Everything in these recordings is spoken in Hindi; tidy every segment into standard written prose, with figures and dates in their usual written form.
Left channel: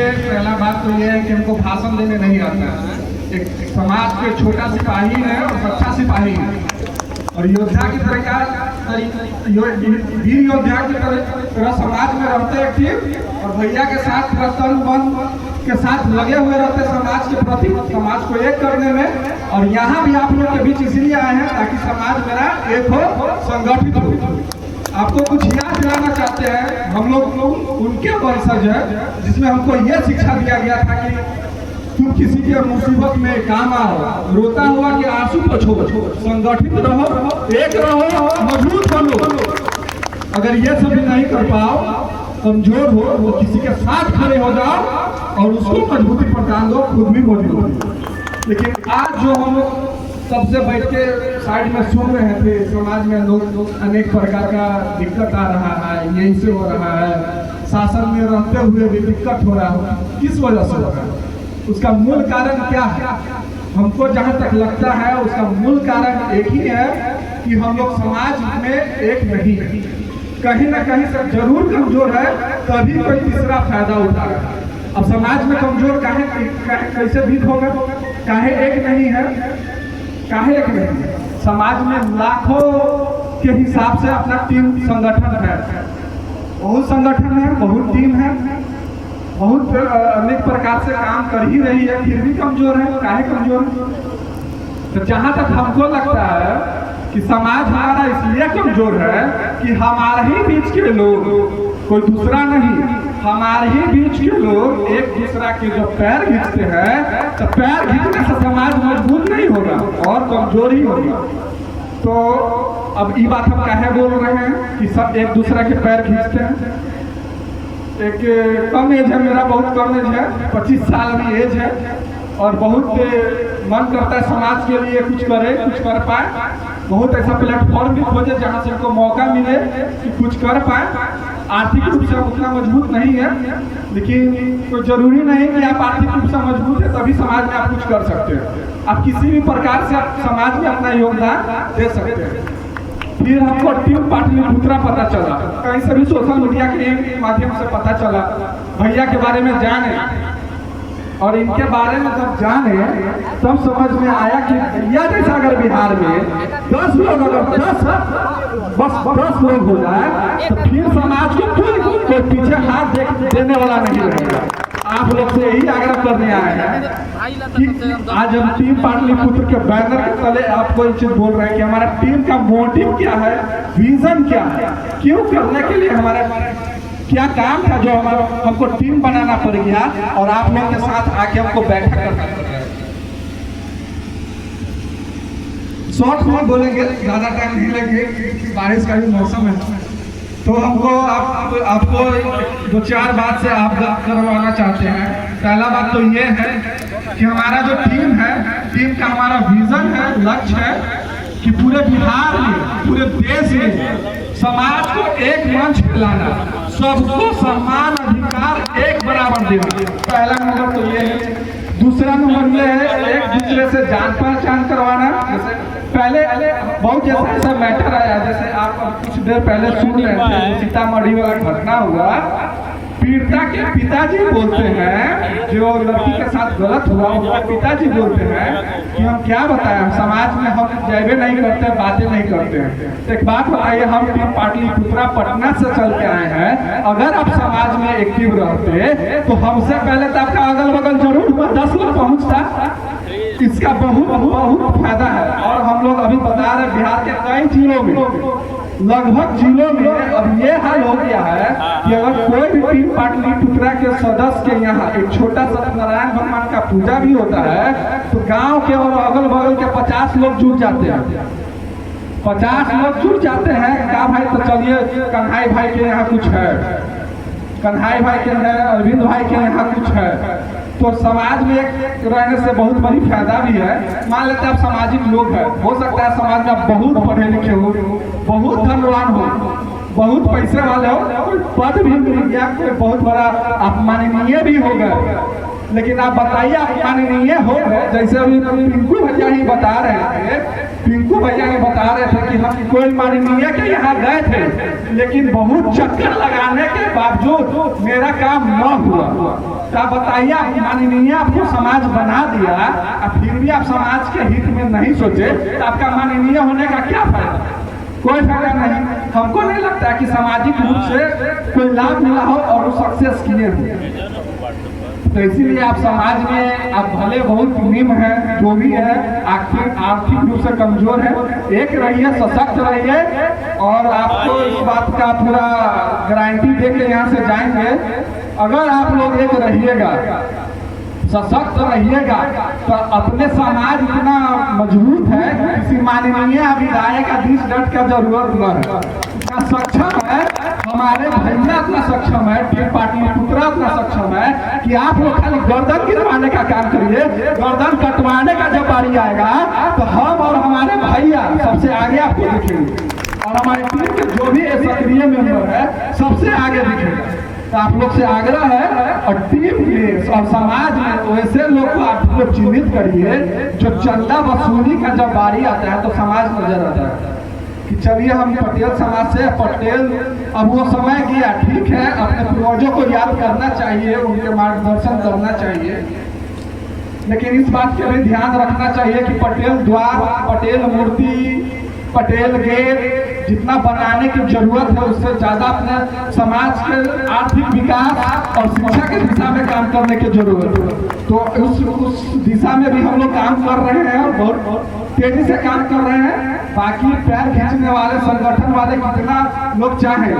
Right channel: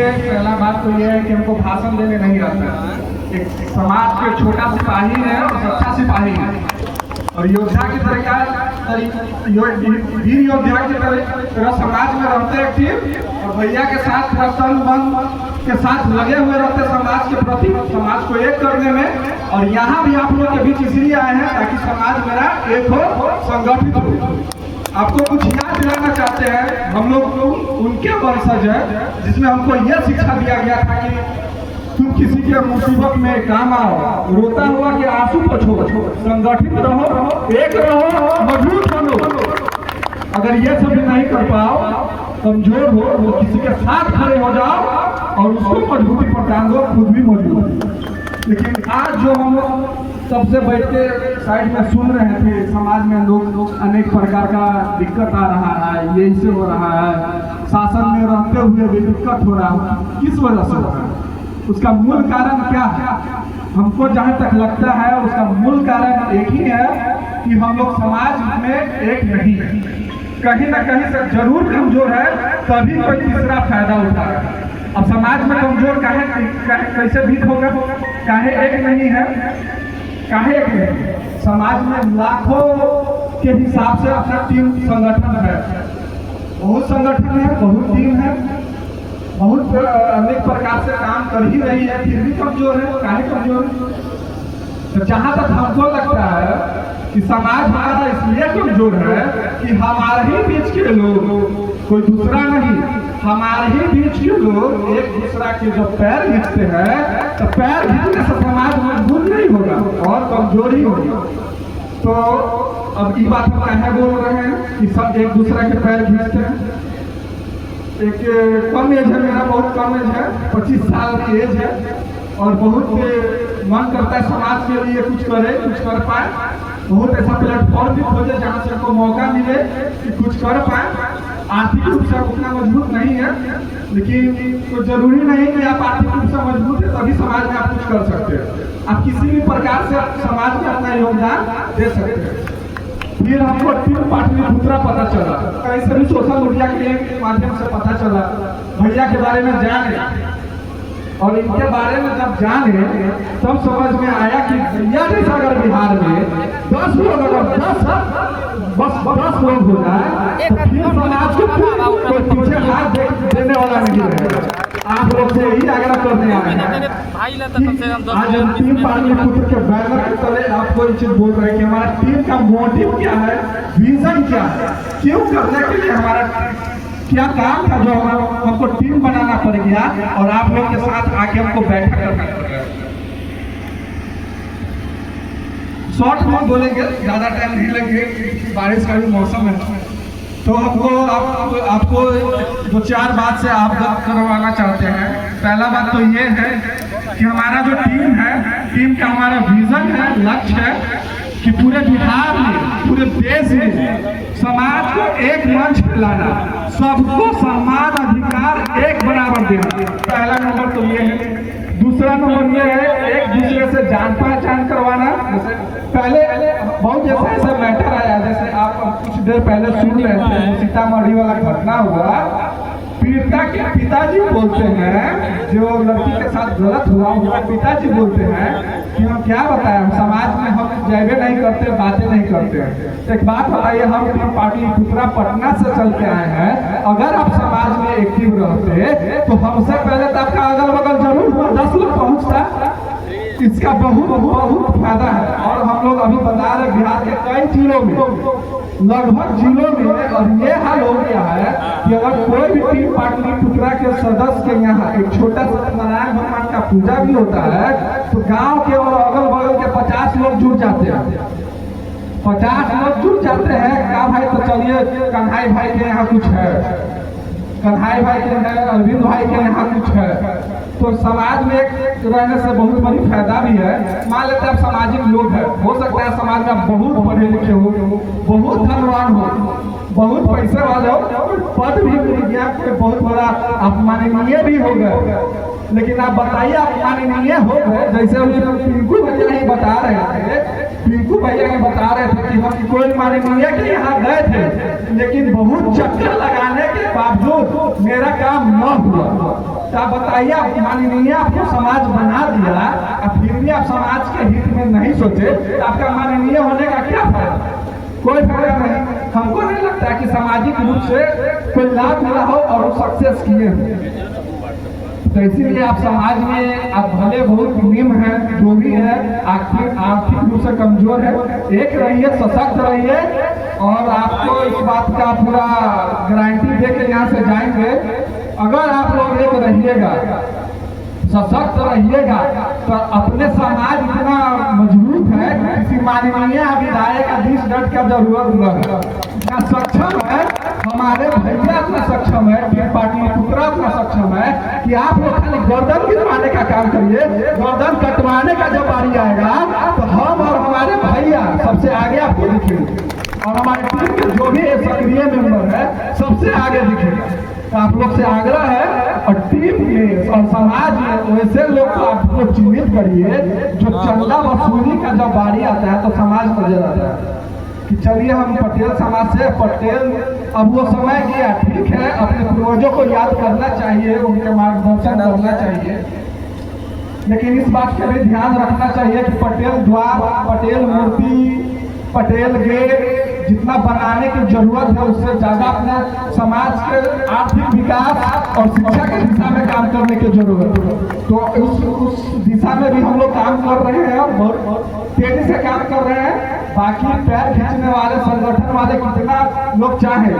देखिए, पहला बात तो यह है कि हमको भाषण देने नहीं आता है। एक समाज के छोटा सिपाही है और सच्चा सिपाही है, और योद्धा की तरह वीर योद्धा की तरह समाज में रहते एक्टिव, और भैया के साथ तन मन के साथ लगे हुए रहते समाज के प्रति, समाज को एक करने में। और यहाँ भी आप लोग के बीच इसलिए आए हैं ताकि समाज मेरा एक हो, संगठित हो। आपको कुछ याद दिलाना चाहते हैं, हम लोग उनके वंशज है जिसमें हमको यह शिक्षा दिया गया था कि तुम किसी के मुसीबत में काम आओ, रोता हुआ कि आंसू पोछो, संगठित रहो, एक रहो, मजबूत बनो। अगर ये सब नहीं कर पाओ, कमजोर हो, तो किसी के साथ खड़े हो जाओ और उसको मजबूती प्रदान दो, खुद भी मजबूत हो। लेकिन आज जो हम सबसे बैठ के साइड में सुन रहे थे, समाज में लोग अनेक प्रकार का दिक्कत आ रहा है, ये इससे हो रहा है, शासन में रहते हुए भी दिक्कत हो रहा है, किस वजह से हो रहा है? उसका मूल कारण क्या है? हमको जहाँ तक लगता है उसका मूल कारण एक ही है कि हम लोग समाज में एक नहीं है, कहीं ना कहीं से जरूर कमजोर है, तभी कोई तीसरा फायदा उठाएगा। अब समाज में कमजोर कैसे भी होगा? काहे एक नहीं है? काहे एक नहीं है? समाज में लाखों के हिसाब से अपना टीम संगठन है, बहुत संगठन है, बहुत टीम है, बहुत अनेक प्रकार से काम कर ही रही है, फिर भी कमजोर है। काहे कमजोर है? तो जहाँ तक हमको लगता है कि समाज हमारा इसलिए कमजोर है कि हमारे ही बीच के लोग, कोई दूसरा नहीं, हमारे ही बीच के लोग एक दूसरा के जब पैर खींचते हैं तो पैर खींचने से समाज मजबूत नहीं होगा और कमजोर ही होगा। तो अब ये बात हम काहे बोल रहे हैं कि सब एक दूसरा के पैर खींचते हैं? एक कम एज है, मेरा बहुत कम एज है, 25 साल की एज है, और बहुत मन करता है समाज के लिए कुछ करे, कुछ कर पाए, बहुत ऐसा प्लेटफॉर्म भी खोजे जहाँ से को मौका मिले कि कुछ कर पाए। आर्थिक रूप से उतना मजबूत नहीं है, लेकिन कोई जरूरी नहीं कि आप आर्थिक रूप से मजबूत है तभी समाज में आप कुछ कर सकते हो। आप किसी भी प्रकार से समाज में अपना योगदान दे सकते हैं। फिर हमको टीम पाटलिपुत्रा पता चला, कहीं से भी सोशल मीडिया के माध्यम से पता चला, भैया के बारे में जाने, और इनके बारे में जब जाने तब समझ में आया कि भैया जैसा अगर बिहार में 10 लोग, अगर 10 लोग हो जाए तो फिर समाज को कोई पीछे हाथ देने वाला नहीं रहेगा। आप लोग से यही आग्रह करने आए हैं कि आज हम टीम पाटलिपुत्र के बैनर के तले आपको ये चीज बोल रहे हैं कि हमारा टीम का मोटिव क्या है, विजन क्या है, क्यों करने के लिए हमारा क्या काम था जो हमको टीम बनाना पड़ गया, और आप लोग के साथ आके हमको बैठक करना पड़ रहा है। शॉर्ट में बोलेंगे, ज्यादा टाइम नहीं लगेगा क्योंकि बारिश का भी मौसम है। तो हमको आपको 2-4 बात से अवगत करवाना चाहते हैं। पहला बात तो ये है कि हमारा जो टीम है, टीम का हमारा विजन है, लक्ष्य है कि पूरे बिहार में, पूरे देश में समाज को एक मंच लाना, सबको समान अधिकार एक बराबर देना। पहला नंबर तो ये है। दूसरा नंबर में है एक दूसरे से जान पहचान करवाना। जैसे पहले बहुत जैसा मैटर आया, जैसे आप कुछ देर पहले सुन रहे थे, सीतामढ़ी वाला घटना हुआ, पीड़िता के पिताजी बोलते हैं, जो लड़की के साथ गलत हुआ उनके पिताजी बोलते हैं कि हम क्या बताएं, समाज में हम जैबे नहीं करते, बातें नहीं करते। तो एक बात बताइए, हम टीम पाटलिपुत्रा पटना से चल के आए हैं, अगर आप समाज में एक्टिव रहते तो हमसे पहले तो आपका अगल बगल जरूर 10 लोग पहुंचता। इसका बहुत फायदा है। और हम लोग अभी बता रहे बिहार के कई जिलों में, लगभग जिलों में अब ये हाल हो गया है कि अगर कोई भी टीम पाटलिपुत्रा के सदस्य के यहाँ एक छोटा सा नारायण भगवान का पूजा भी होता है तो गांव के और अगल बगल के 50 लोग जुड़ जाते हैं। 50 लोग जुड़ जाते हैं, क्या भाई तो चलिए कन्हाई भाई के यहाँ कुछ है, कन्हाई भाई के है, अरविंद भाई के यहाँ कुछ है। तो समाज में रहने से बहुत बड़ी फायदा भी है। मान लेते हैं आप सामाजिक लोग हैं, हो सकता है समाज में आप बहुत पढ़े लिखे हो, बहुत धनवान हो, बहुत पैसे वाले हो, कोई पद भी मिल गया, कोई बहुत बड़ा आप माननीय भी हो गए, लेकिन आप बताइए, आप माननीय हो गए, जैसे अभी पिंकू भैया ही बता रहे थे, पिंकू भैया ही बता रहे थे कि हम कोई माननीय के यहाँ गए थे, लेकिन बहुत चक्कर लगाने के बावजूद मेरा काम न हुआ। तो आप बताइए, आप माननीय आपको समाज बना दिया और फिर भी आप समाज के हित में नहीं सोचे, तो आपका माननीय होने का क्या फायदा? कोई फायदा नहीं। हमको नहीं लगता कि सामाजिक रूप से कोई लाभ मिला हो और वो सक्सेस किए हो। तो इसीलिए आप समाज में आप भले बहुत निम्न है, जो भी है, आर्थिक रूप से कमजोर है, एक रहिए, सशक्त रहिए, और आपको इस बात का पूरा गारंटी दे के यहाँ से जाएंगे। अगर आप लोग एक रहिएगा, सशक्त रहिएगा, तो अपने समाज इतना मजबूत है, किसी माननीय विधायक का 20 डट का जरूरत न है। इतना सक्षम है, हमारे भैया इतना सक्षम है, टीम पार्टी पुत्रा इतना सक्षम है कि आप लोग खाली गर्दन गिरवाने का काम करिए। गर्दन कटवाने का जब बारी आएगा तो हम और हमारे भैया सबसे आगे आपको दिखेंगे, और हमारी टीम के जो भी सक्रिय मेंबर है सबसे आगे दिखेगा। तो आप लोग से आग्रह है, और टीम में और समाज में वैसे लोग को आप लोग चिन्हित करिए जो चंदा वसूली का जब बारी आता है तो समाज नजर आता है कि चलिए हम पटेल समाज से, पटेल, अब वो समय गया, ठीक है, अपने पूर्वजों को याद करना चाहिए, उनके मार्गदर्शन करना चाहिए, लेकिन इस बात के भी ध्यान रखना चाहिए कि पटेल द्वार, पटेल मूर्ति, पटेल गेट जितना बनाने की जरूरत है उससे ज्यादा अपना समाज के आर्थिक विकास और शिक्षा के दिशा में काम करने की जरूरत है। तो उस दिशा में भी हम लोग काम कर रहे हैं और बहुत तेजी से काम कर रहे हैं। बाकी पैर खींचने वाले संगठन वाले कितना लोग चाहे,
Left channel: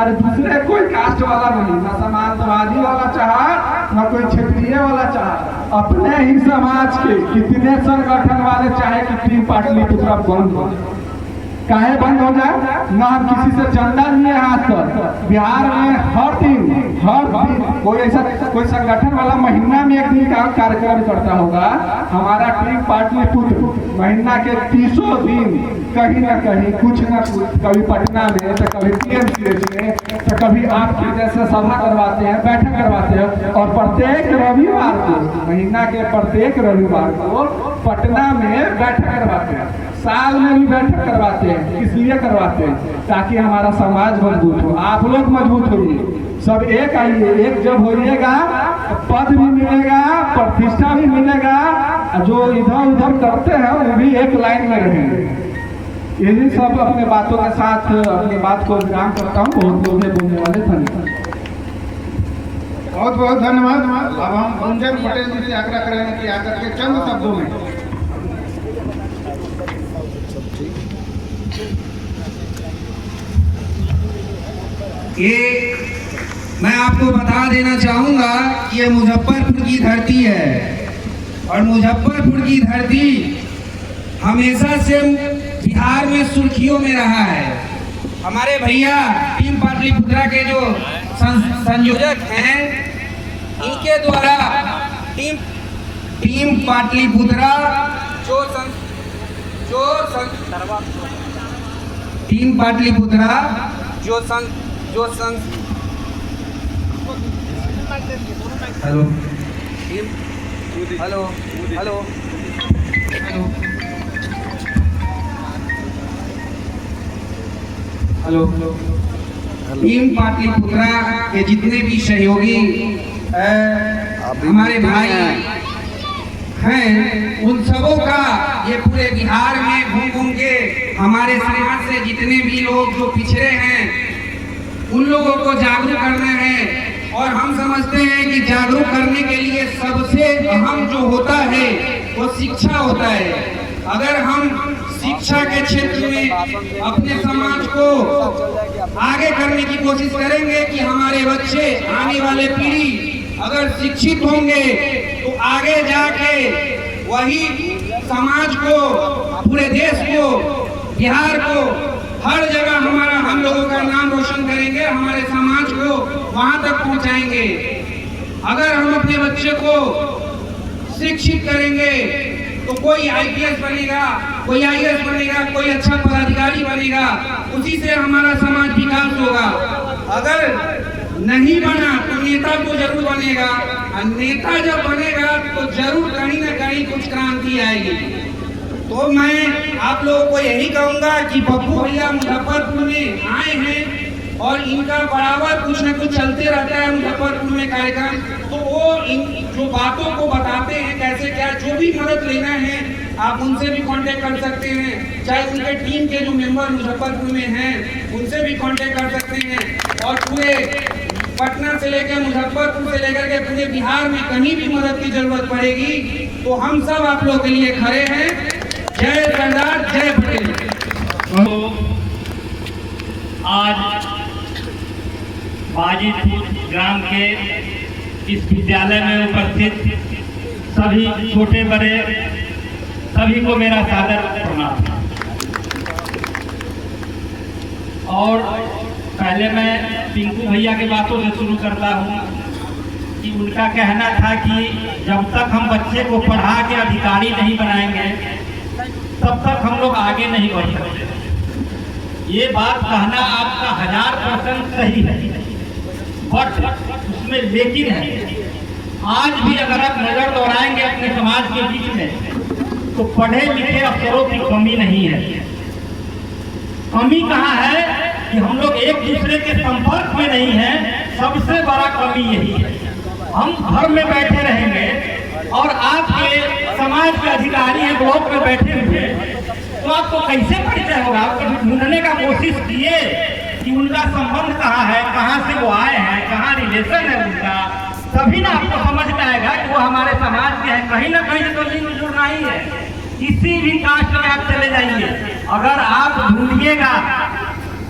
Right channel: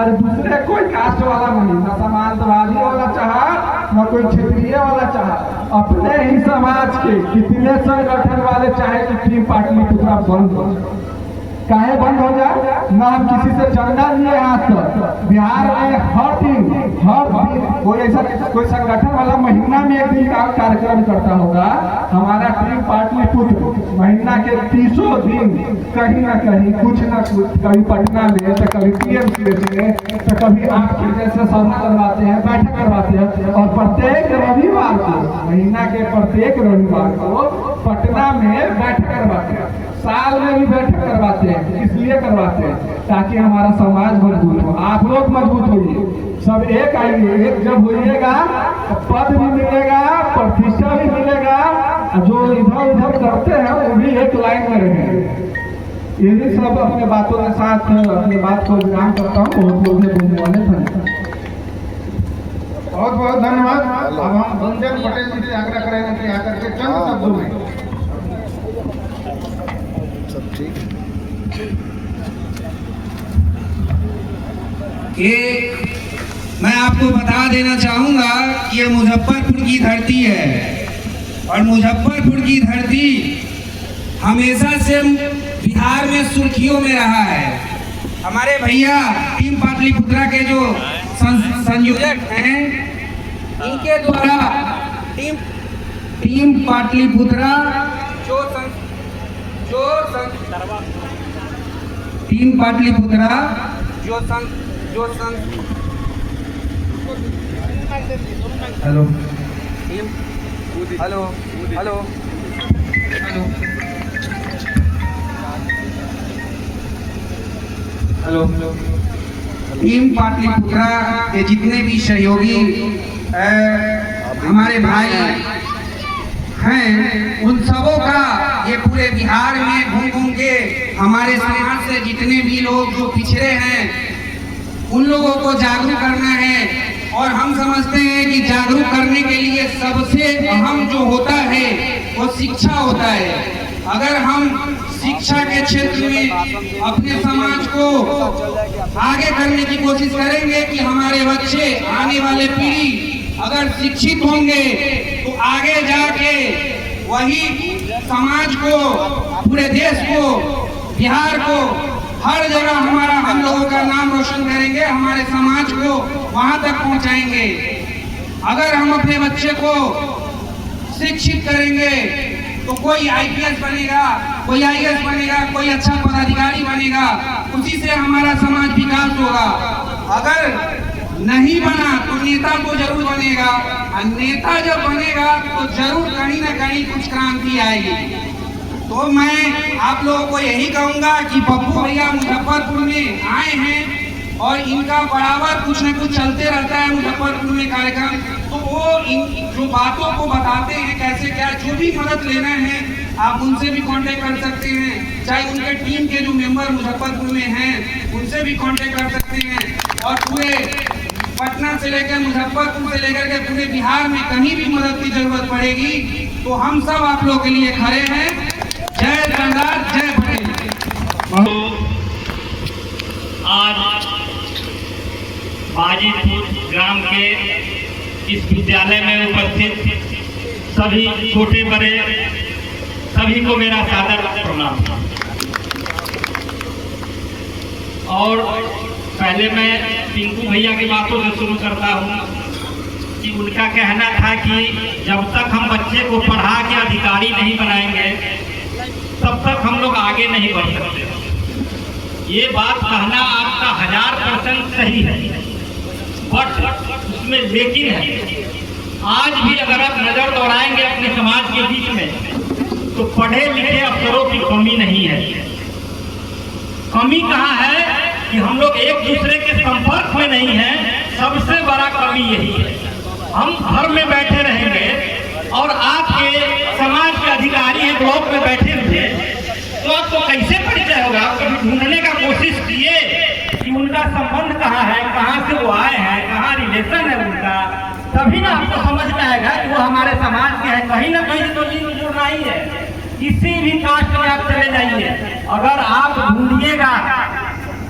अरे दूसरे कोई कास्ट वाला नहीं, ना समाजवादी वाला चाहा, ना कोई क्षेत्रीय वाला चाहा, अपने ही समाज के कितने संगठन वाले चाहे कि टीम पाटलिपुत्र बंद हो, काहे बंद हो जाए ना। हम किसी से चंदा लिए आज तक बिहार में हर दिन कोई ऐसा कोई संगठन वाला महीना में एक दिन का कार्यक्रम करता होगा। हमारा टीम पाटलिपुत्र महीना के 30 दिन कहीं ना कहीं कुछ ना कुछ, कभी पटना में तो कभी PMCH में तो कभी आपके जैसे सभा करवाते हैं, बैठक करवाते हैं, और प्रत्येक रविवार को, महीना के प्रत्येक रविवार को पटना में बैठक करवाते हैं, साल में भी बैठक करवाते हैं। इसलिए करवाते हैं ताकि हमारा समाज मजबूत हो, आप लोग मजबूत होइए, सब एक आइए, एक जब होइएगा पद भी मिलेगा, प्रतिष्ठा भी मिलेगा, जो इधर उधर करते हैं वो भी एक लाइन में रहेंगे। यही सब अपने बातों के साथ अपनी बात को विराम करता हूँ। बहुत लोग बोलने वाले धन्यवाद, बहुत बहुत धन्यवाद। अब हम गुंजन पटेल जी से आग्रह करेंगे कि आकर के चंद शब्दों में मैं आपको बता देना चाहूंगा कि ये मुजफ्फरपुर की धरती है, और मुजफ्फरपुर की धरती हमेशा से बिहार में सुर्खियों में रहा है। हमारे भैया टीम पाटलिपुत्रा के जो संयोजक हैं, इनके द्वारा team Pataliputra team Pataliputra hello hello hello hello hello team Pataliputra के जितने भी सहयोगी हमारे भाई हैं, उन सबों का ये पूरे बिहार में घूम घूम के हमारे समाज से जितने भी लोग जो पिछड़े हैं उन लोगों को जागरूक करना है। और हम समझते हैं कि जागरूक करने के लिए सबसे अहम जो होता है वो शिक्षा होता है। अगर हम शिक्षा के क्षेत्र में अपने समाज को आगे करने की कोशिश करेंगे कि हमारे बच्चे, आने वाले पीढ़ी अगर शिक्षित होंगे तो आगे जाके वही समाज को, पूरे देश को, बिहार को, हर जगह हम लोगों का नाम रोशन करेंगे, हमारे समाज को वहां तक पहुंचाएंगे। अगर हम अपने बच्चे को शिक्षित करेंगे तो कोई IPS बनेगा, कोई IAS बनेगा, कोई अच्छा पदाधिकारी बनेगा, उसी से हमारा समाज विकास होगा। अगर नहीं बना तो नेता तो जरूर बनेगा, नेता जब बनेगा तो जरूर कहीं ना कहीं कुछ क्रांति आएगी। तो मैं आप लोगों को यही कहूंगा कि पप्पू भैया मुजफ्फरपुर में आए हैं और इनका बराबर कुछ न कुछ चलते रहता है मुजफ्फरपुर में कार्यक्रम, तो वो इन जो बातों को बताते हैं कैसे क्या, जो भी मदद लेना है आप उनसे भी कांटेक्ट कर सकते हैं, चाहे उनके टीम के जो मेंबर मुजफ्फरपुर में हैं उनसे भी कांटेक्ट कर सकते हैं। और पूरे पटना से लेकर मुजफ्फरपुर से लेकर के पूरे बिहार में कहीं भी मदद की जरूरत पड़ेगी तो हम सब आप लोगों के लिए खड़े हैं। जय सरदार, जय पटेल। आज बाजीपुर ग्राम के इस विद्यालय में उपस्थित सभी छोटे बड़े सभी को मेरा सादर प्रणाम। और पहले मैं पिंकू भैया की बातों से शुरू करता हूँ कि उनका कहना था कि जब तक हम बच्चे को पढ़ा के अधिकारी नहीं बनाएंगे तब तक हम लोग आगे नहीं बढ़ सकते। ये बात कहना आपका 1000% सही है, बट उसमें लेकिन है। आज भी अगर आप नजर दौड़ाएंगे अपने समाज के बीच में तो पढ़े लिखे अफसरों की कमी नहीं है। कमी कहाँ है कि हम लोग एक दूसरे के संपर्क में नहीं है, सबसे बड़ा कमी यही है। हम घर में बैठे रहेंगे और आपके समाज के अधिकारी हैं ब्लॉक में बैठे हुए, तो आपको कैसे परिचय होगा? आप कभी ढूंढने का कोशिश किए कि उनका संबंध कहाँ है, कहाँ से वो आए हैं, कहाँ रिलेशन है उनका, तभी ना आपको समझ में आएगा कि वो हमारे समाज के हैं। कहीं ना कहीं तो लिंक जुड़ना ही है। किसी भी कास्ट में आप चले जाइए, अगर आप ढूंढिएगा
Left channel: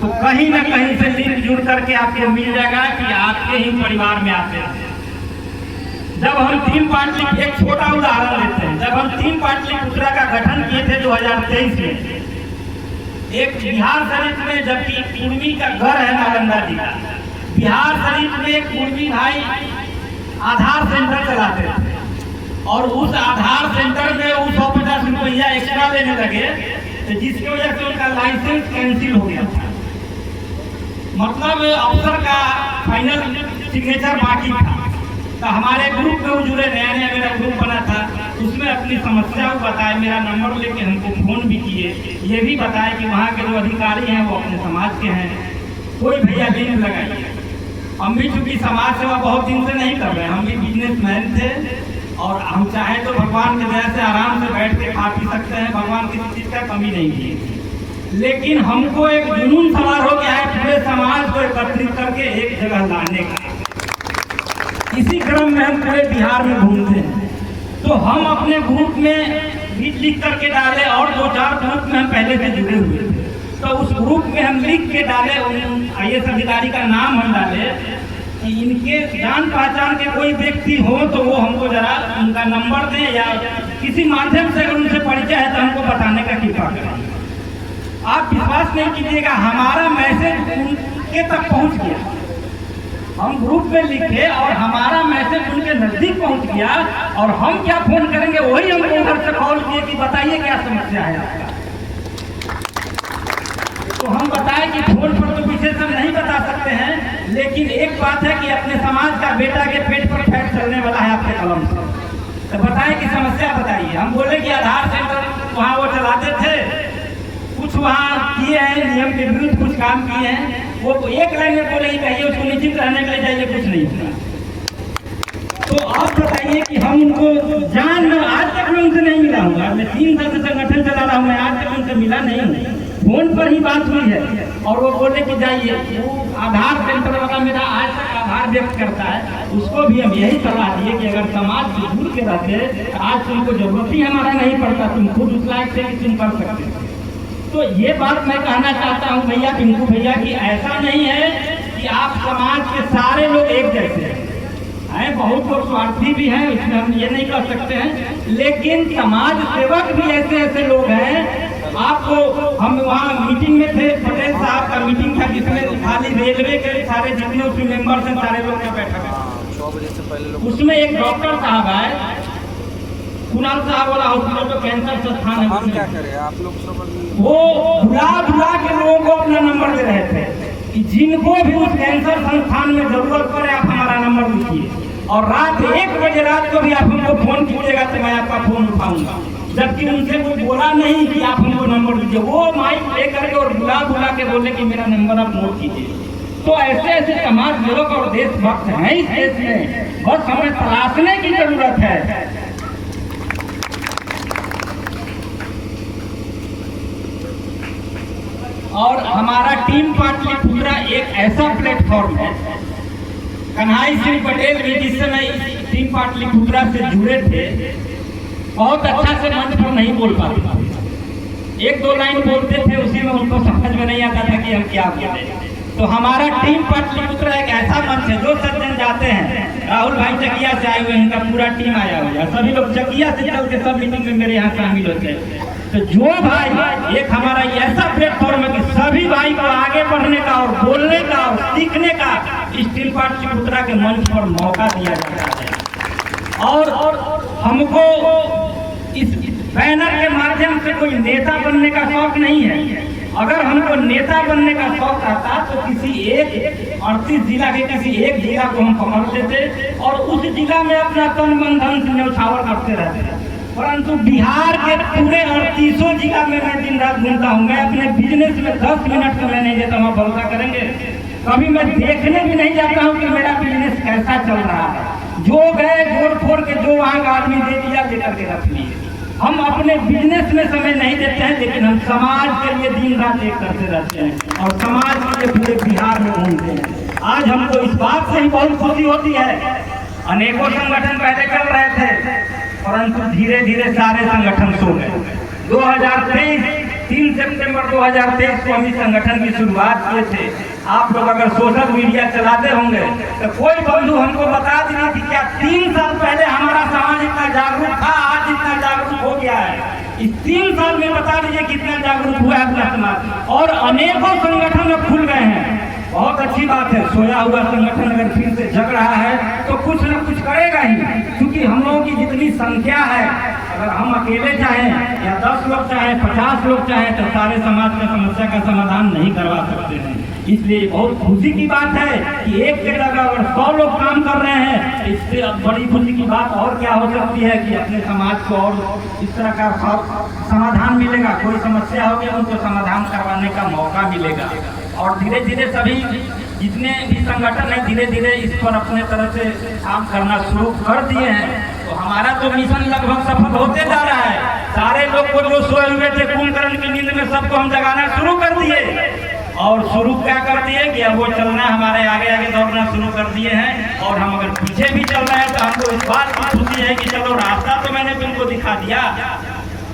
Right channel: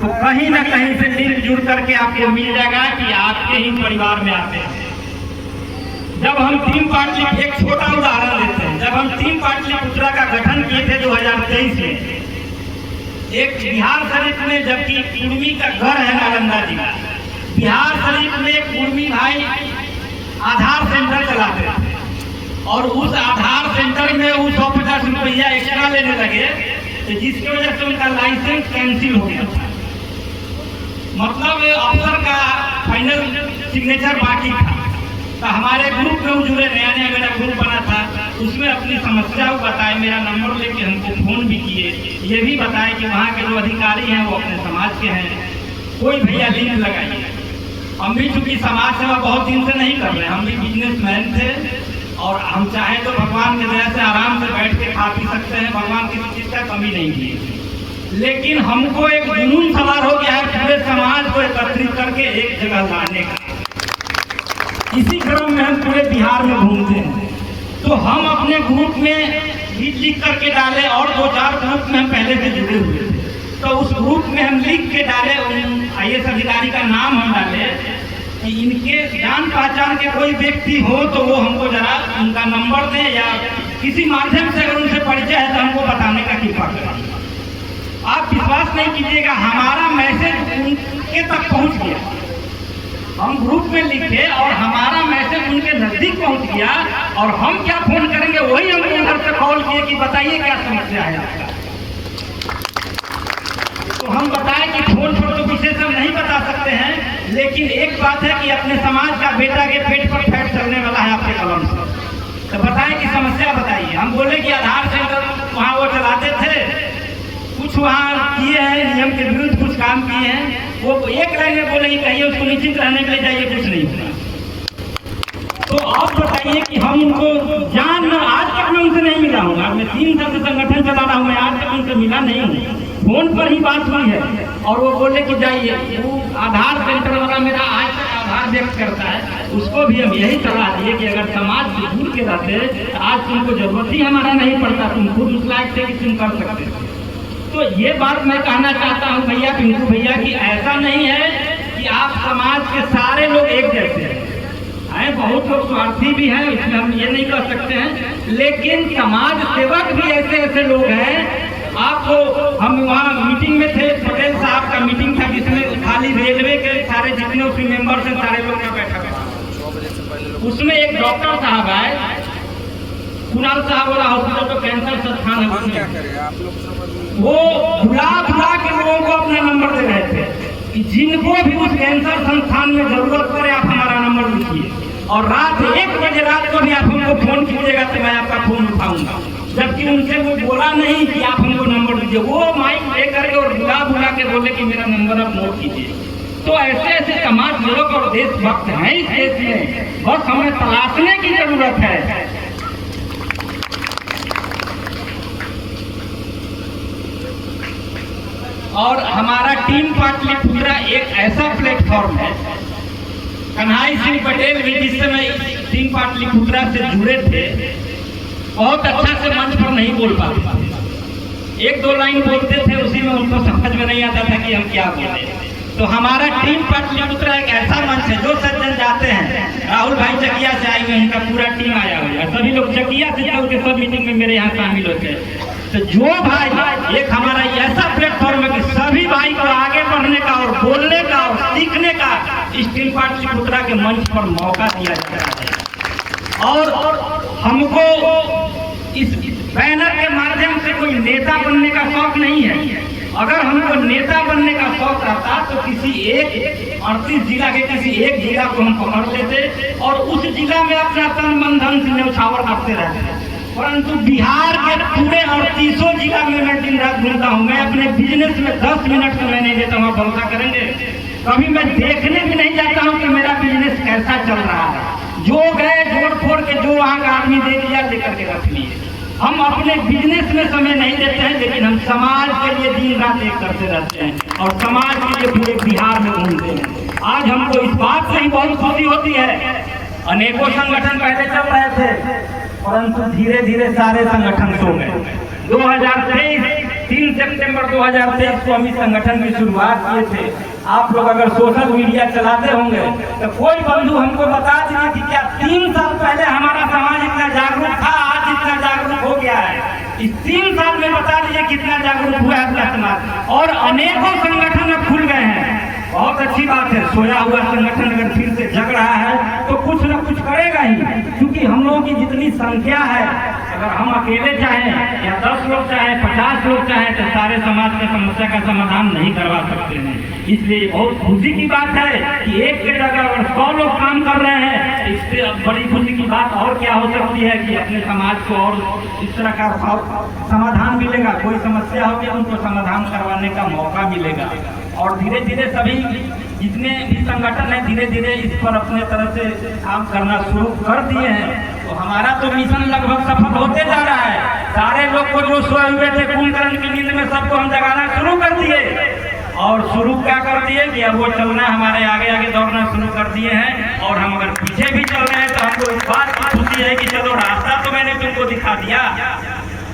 तो कहीं ना कहीं से लिंक जुड़ करके आपको मिल जाएगा कि आपके ही परिवार में आते हैं। जब हम टीम पाटली, एक छोटा उदाहरण लेते हैं, जब हम टीम पाटलिपुत्रा का गठन किए थे 2023 में, एक बिहार शरीफ में, जबकि कुर्मी का घर है नालंदा जिला, बिहार शरीफ में एक कुर्मी भाई आधार सेंटर चलाते थे और उस आधार सेंटर में वो 150 रुपया एक्स्ट्रा लेने लगे, तो जिसकी वजह से उनका लाइसेंस कैंसिल हो गया था। मतलब अफसर का फाइनल सिग्नेचर बाकी था। तो हमारे ग्रुप में जुड़े, नया नया मेरा ग्रुप बना था, उसमें अपनी समस्या को बताए, मेरा नंबर लेके हमको फोन भी किए, ये भी बताए कि वहाँ के जो अधिकारी हैं वो अपने समाज के हैं, कोई भैया लिंक लगाइए। हम भी चूंकि समाज सेवा बहुत दिन से नहीं कर रहे हैं, हम भी बिजनेसमैन थे और हम चाहें तो भगवान की दया से आराम से बैठ के खा पी सकते हैं, भगवान किसी चीज़ का कमी नहीं की। लेकिन हमको एक जुनून सवार हो गया है पूरे समाज को एकत्रित करके एक जगह लाने का। इसी क्रम में हम पूरे बिहार में घूमते हैं, तो हम अपने ग्रुप में भी लिख करके डाले और 2-4 ग्रुप में हम पहले से जुड़े हुए थे, तो उस ग्रुप में हम लिख के डाले, IAS अधिकारी का नाम हम डाले कि इनके जान पहचान के कोई व्यक्ति हो तो वो हमको जरा उनका नंबर दें या किसी माध्यम से अगर उनसे परिचय है तो हमको बताने का कृपा करें। आप विश्वास नहीं कीजिएगा, हमारा मैसेज उनके तक पहुंच गया। हम ग्रुप में लिखे और हमारा मैसेज उनके नजदीक पहुंच गया और हम क्या फोन करेंगे, वही हमको उधर से कॉल किए कि बताइए क्या समस्या है। तो हम बताएं कि फोन पर तो विशेष हम नहीं बता सकते हैं, लेकिन एक बात है कि अपने समाज का बेटा के पेट पर फैट चलने वाला है आपके कलम से, तो बताएं कि समस्या बताइए। हम बोले कि आधार सेंटर वहाँ वो चलाते थे, कुछ वहाँ किए हैं, नियम के विरुद्ध कुछ काम किए हैं, वो एक लाइन में बोले कि कहिए उसको निश्चित रहने के लिए जाइए, कुछ नहीं हुआ। तो आप बताइए कि हम उनको जान, आज तक मैं उनसे नहीं मिला हूँ, मैं 3 साल से संगठन चला रहा हूँ, मैं आज तक उनसे मिला नहीं हूँ, फोन पर ही बात हुई है। और वो बोले कि जाइए, वो आधार सेंटर वाला मेरा आज तक आधार व्यक्त करता है, उसको भी हम यही सलाह दिए कि अगर समाज से जुड़ के रहते आज तुमको जरूरत ही हमारा नहीं पड़ता, तुम खुद उस लायक थे कि तुम कर सकते। तो ये बात मैं कहना चाहता हूँ भैया, पिंकू भैया, कि ऐसा नहीं है कि आप समाज के सारे लोग एक जैसे हैं, बहुत लोग स्वार्थी भी हैं, इसमें हम ये नहीं कह सकते हैं, लेकिन समाज सेवक भी ऐसे ऐसे लोग हैं। आपको हम वहाँ मीटिंग में थे, पटेल साहब का मीटिंग था जिसमें खाली रेलवे के सारे जितने उसके मेंबर्स हैं सारे लोग यहाँ बैठे हुए, उसमें एक डॉक्टर साहब आए, कुणाल साहब वाला हॉस्पिटल तो कैंसर संस्थान है, वो बुला के लोगों को अपना नंबर दे रहे थे कि जिनको भी उस कैंसर संस्थान में जरूरत पड़े आप हमारा नंबर लिखिए। और रात 1 बजे रात को भी आप हमको फोन कीजिएगा तो मैं आपका फोन उठाऊंगा, जबकि उनसे वो बोला नहीं कि आप हमको नंबर दीजिए, वो माइक ले करके और बुला बुला के बोले कि मेरा नंबर आप नोट कीजिए। तो ऐसे ऐसे समाज लोग और देशभक्त हैं इस देश में, बस हमें तलाशने की जरूरत है। और हमारा टीम पाटलिपुत्रा एक ऐसा प्लेटफॉर्म है, कन्हई सिंह पटेल भी जिस समय टीम पाटलिपुत्रा से जुड़े थे बहुत अच्छा से मंच पर नहीं बोल पाते, 1-2 लाइन बोलते थे, उसी में उनको समझ में नहीं आता था कि हम क्या बोले। तो हमारा टीम पाटलिपुत्रा एक ऐसा मंच है, जो सज्जन जाते हैं, राहुल भाई चकिया से आए हुए हैं, उनका पूरा टीम आया हुआ है, सभी लोग चकिया से चल के सब मीटिंग में मेरे यहाँ शामिल होते हैं। तो जो भाई एक हमारा ऐसा प्लेटफॉर्म है कि सभी भाई को आगे बढ़ने का और बोलने का और सीखने का इस टीम पाटलिपुत्रा के मंच पर मौका दिया जाता है। और हमको इस बैनर के माध्यम से कोई नेता बनने का शौक नहीं है। अगर हमको नेता बनने का शौक आता तो किसी एक 38 जिला के किसी एक जिला को हम पकड़ लेते और उस जिला में अपना तन मन धन से न्यौछावर करते रहते। परंतु बिहार के पूरे 38 जिला में मैं दिन रात घूमता हूँ। मैं अपने बिजनेस में 10 मिनट को मैं नहीं देता हूँ, भरोसा करेंगे। कभी मैं देखने भी नहीं जाता हूँ कि मेरा बिजनेस कैसा चल रहा है। जो गए जोड़ फोड़ के जो वहाँ का आदमी दे दिया, लेकर के रख लिए। हम अपने बिजनेस में समय नहीं देते हैं, लेकिन हम समाज के लिए दिन रात एक करते रहते हैं और समाज के लिए पूरे बिहार में घूमते हैं। आज हमको इस बात से ही बहुत खुशी होती है, अनेकों संगठन पहले चल रहे थे, परंतु धीरे धीरे सारे संगठन सो गए। 3 सितंबर 2023 को हम इस संगठन की शुरुआत किए थे। आप लोग अगर सोशल मीडिया चलाते होंगे तो कोई बंधु हमको बता दीजिए कि क्या 3 साल पहले हमारा समाज इतना जागरूक था, आज इतना जागरूक हो गया है। इस 3 साल में बता दीजिए कितना जागरूक हुआ है समाज। और अनेकों संगठन में खुल गए हैं, बहुत अच्छी बात है। सोया हुआ संगठन अगर फिर से जग रहा है तो कुछ न कुछ करेगा ही, क्योंकि हम लोगों की जितनी संख्या है, अगर हम अकेले चाहें या 10 लोग चाहें, 50 लोग चाहें, तो सारे समाज की समस्या का समाधान नहीं करवा सकते हैं। इसलिए बहुत खुशी की बात है कि एक के जगह अगर 100 लोग काम कर रहे हैं, इससे बड़ी खुशी की बात और क्या हो सकती है कि अपने समाज को और इस तरह का समाधान मिलेगा। कोई समस्या होगी तो उनको समाधान करवाने का मौका मिलेगा। और धीरे धीरे सभी जितने भी संगठन है धीरे धीरे इस पर अपने तरह से काम करना शुरू कर दिए हैं। तो हमारा तो मिशन लगभग सफल होते जा रहा है। सारे लोग को जो सोए हुए थे कुंभकर्ण की नींद में, सबको हम जगाना शुरू कर दिए। और शुरू क्या कर दिए कि अब वो चलना हमारे आगे आगे दौड़ना शुरू कर दिए हैं। और हम अगर पीछे भी चल रहे हैं तो हमको इस बात की खुशी है कि चलो रास्ता तो मैंने तुमको दिखा दिया।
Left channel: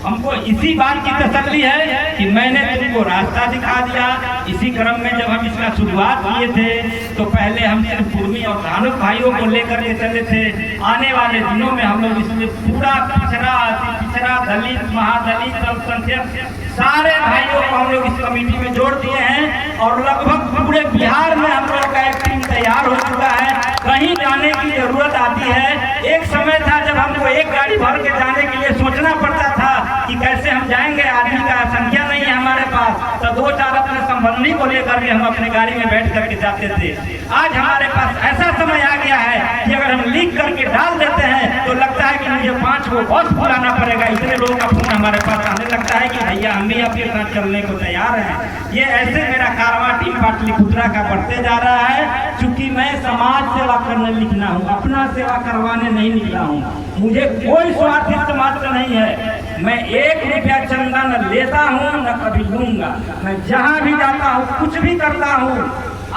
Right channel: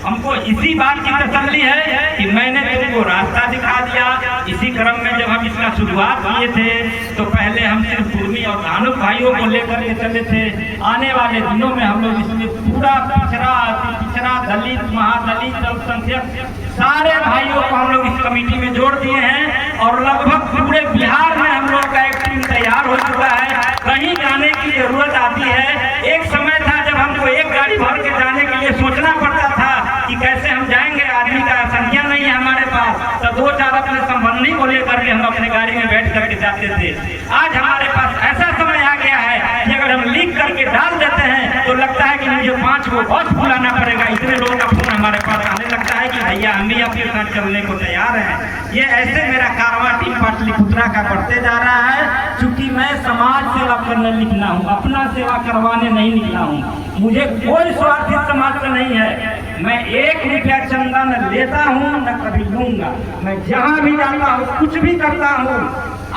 हमको इसी बात की तसल्ली है कि मैंने तुमको रास्ता दिखा दिया। इसी क्रम में जब हम इसका शुरुआत किए थे तो पहले हम सिर्फ कुर्मी और धानुक भाइयों को लेकर के चले थे। आने वाले दिनों में हम लोग इसमें पूरा पिछड़ा, अति पिछड़ा, दलित, महादलित, अल्पसंख्यक सारे भाइयों को हम लोग इस कमेटी में जोड़ दिए हैं। और लगभग पूरे बिहार में हम लोग का एक टीम तैयार हो चुका है। कहीं जाने की जरूरत आती है। एक समय था जब हमको एक गाड़ी भर के जाने के लिए सोचना पड़ता था कि कैसे हम जाएंगे, आदमी का संख्या नहीं है हमारे पास, तो 2-4 अपने संबंधी को लेकर के हम अपने गाड़ी में बैठ करके जाते थे। आज हमारे पास ऐसा समय आ गया है कि अगर हम लिख करके डाल देते हैं तो लगता है कि मुझे 5 को बस बुलाना पड़ेगा। इतने लोगों का फोन हमारे पास आने लगता है कि भैया हम भी आपके साथ चलने को तैयार हैं। ये ऐसे मेरा कारवां टीम पाटलिपुत्रा का बढ़ते जा रहा है। क्योंकि मैं समाज सेवा करने निकला हूँ, अपना सेवा करवाने नहीं निकला हूँ। मुझे कोई स्वार्थ इस समाज का नहीं है। मैं 1 रुपया चंदा न लेता हूँ न कभी लूंगा। मैं जहाँ भी जाता हूँ, कुछ भी करता हूँ,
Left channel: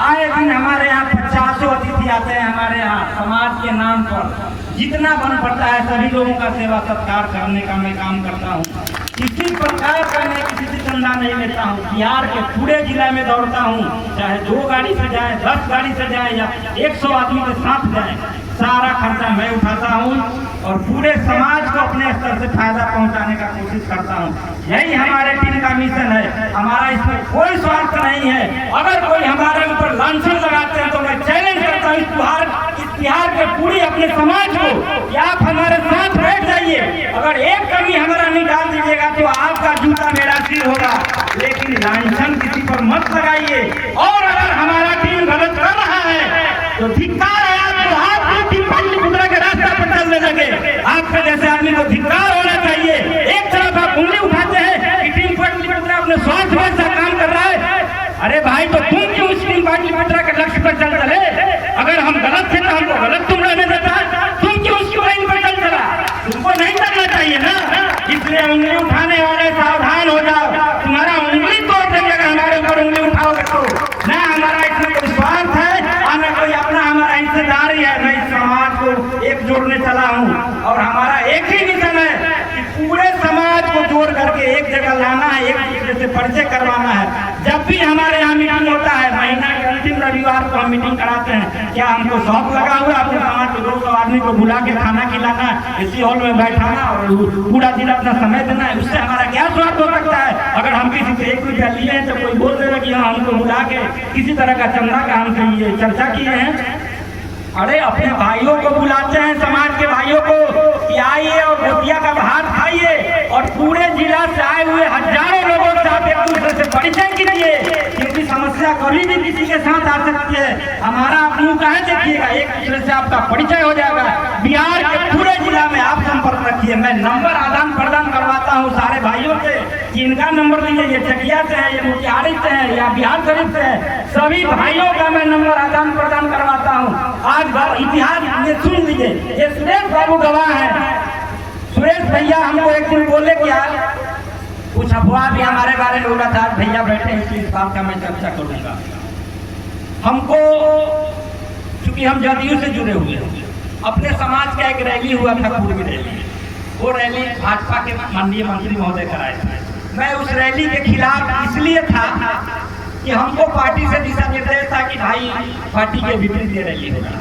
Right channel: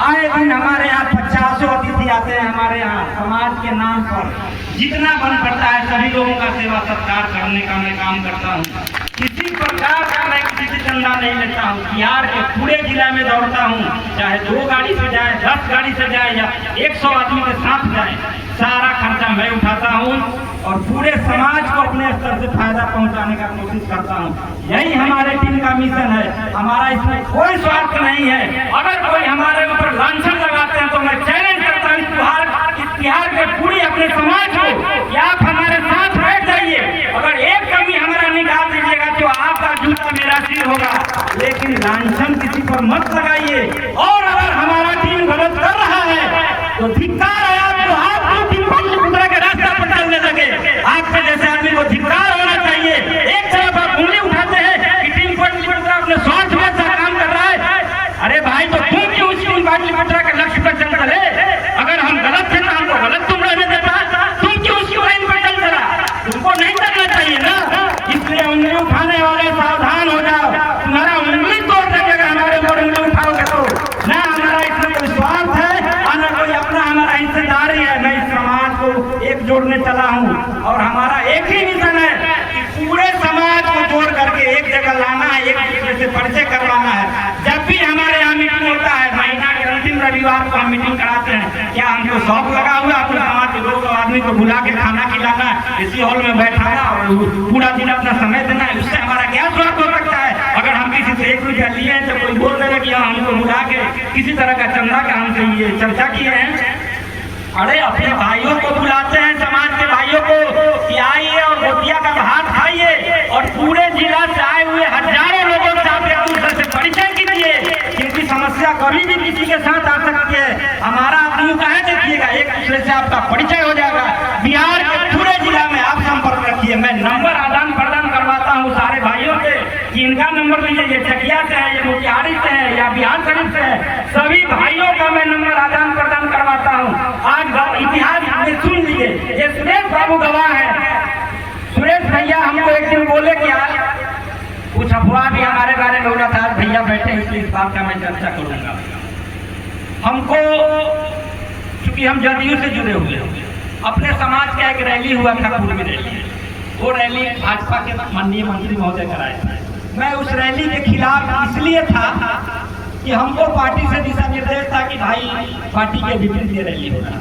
आए दिन हमारे यहाँ 50 अतिथि आते हैं। हमारे यहाँ समाज के नाम पर जितना बन पड़ता है सभी लोगों का सेवा सत्कार करने का मैं काम करता हूँ। किसी प्रकार का मैं किसी से चंदा नहीं लेता हूँ। बिहार के पूरे जिला में दौड़ता हूँ, चाहे 2 गाड़ी से जाए, 10 गाड़ी से जाए या 100 आदमी के साथ जाए, सारा खर्चा मैं उठाता हूँ और पूरे समाज को अपने स्तर से फायदा पहुंचाने का कोशिश करता हूं। यही हमारे टीम का मिशन है। हमारा इसमें कोई स्वार्थ नहीं है। अगर कोई हमारे ऊपर लांछन लगाते हैं तो मैं चैलेंज करता हूं इस बिहार के पूरी अपने समाज को कि आप हमारे साथ बैठ जाइए। अगर एक कमी हमारा निकाल दीजिएगा तो आपका जूता मेरा सिर होगा, लेकिन लांछन किसी पर मत लगाइए। और अगर हमारा टीम गलत कर रहा है तो धिक्कार है आपको, से उंगली उठाने वाले सावधान हो जाओ, तुम्हारा उंगली तोड़ देगा हमारे ऊपर उंगली उठाओगे तो। ना हमारा इसमें कोई स्वार्थ है और न कोई अपना हमारा हिस्सेदारी है। मैं इस समाज को एक जोड़ने चला हूँ और हमारा एक ही मिशन है कि पूरे समाज को जोड़ करके एक जगह लाना है, एक दूसरे से परिचय करवाना है। जब भी हमारे यहाँ मीटिंग होता है, महीना के अंतिम रविवार को हम मीटिंग कराते हैं। क्या हमको शौक लगा हुआ अपने समाज के 200 आदमी को बुला के खाना खिलाना, इसी हॉल में बैठाना और पूरा दिन अपना समय देना है, उससे हमारा क्या स्वार्थ हो सकता है? अगर हम किसी से 1 रुपया लिए हैं तो कोई बोल देगा कि हम हमको बुला के किसी तरह का चंदा का हमसे ये चर्चा किए हैं। अरे अपने भाइयों को बुलाते हैं, समाज के भाइयों को कि आइए और रोटियां का भात खाइए और पूरे जिला से आए हुए हजारों लोगों से आप एक दूसरे से परिचय कीजिए, क्योंकि समस्या कभी भी किसी के साथ आ सकती है। हमारा आप मुँह कहे देखिएगा, एक दूसरे से आपका परिचय हो जाएगा। बिहार के पूरे जिला में आप संपर्क रखिए। मैं नंबर आदान प्रदान करवाता हूँ सारे भाइयों से कि इनका नंबर लीजिए, ये चकिया से है, ये मोतिहारी से है या बिहार शरीफ से है, सभी भाइयों का मैं नंबर आदान प्रदान करवाता हूँ। आज इतिहास में सुन लीजिए, ये सुरेश बाबू गवाह है। सुरेश भैया हमको एक दिन बोले कि आज कुछ अफवाह भी हमारे बारे में होगा था, भैया बैठे हैं इस बात का मैं चर्चा करूंगा। हमको क्योंकि हम जदयू से जुड़े हुए हैं, अपने समाज का एक रैली हुआ था, पूर्वी रैली, वो रैली भाजपा के माननीय मंत्री महोदय कराए थे। मैं उस रैली के खिलाफ इसलिए था कि हमको पार्टी से दिशा निर्देश था कि भाई पार्टी के विपरीत ये रैली होगा।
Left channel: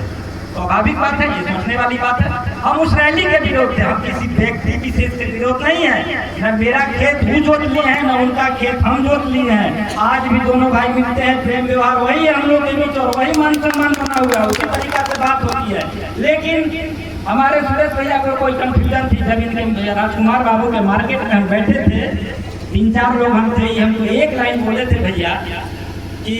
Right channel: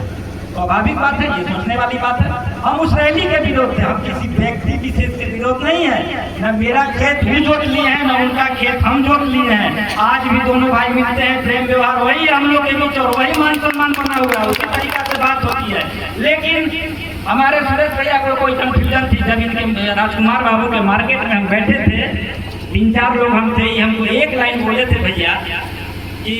स्वाभाविक बात है, ये सोचने वाली बात है। हम उस रैली के विरोध थे, हम किसी व्यक्ति विशेष के विरोध नहीं है। न मेरा खेत भी जोत लिए हैं, न उनका खेत हम जोत लिए हैं। आज भी दोनों भाई मिलते हैं, प्रेम व्यवहार वही है हम लोग के बीच और वही मान सम्मान बना हुआ है, उसी तरीका से बात होती है। लेकिन हमारे सुरेश भैया को कोई कंफ्यूजन थी। जब इनके राजकुमार बाबू के मार्केट में हम बैठे थे, 3-4 लोग हम थे, हमको एक लाइन बोले थे भैया कि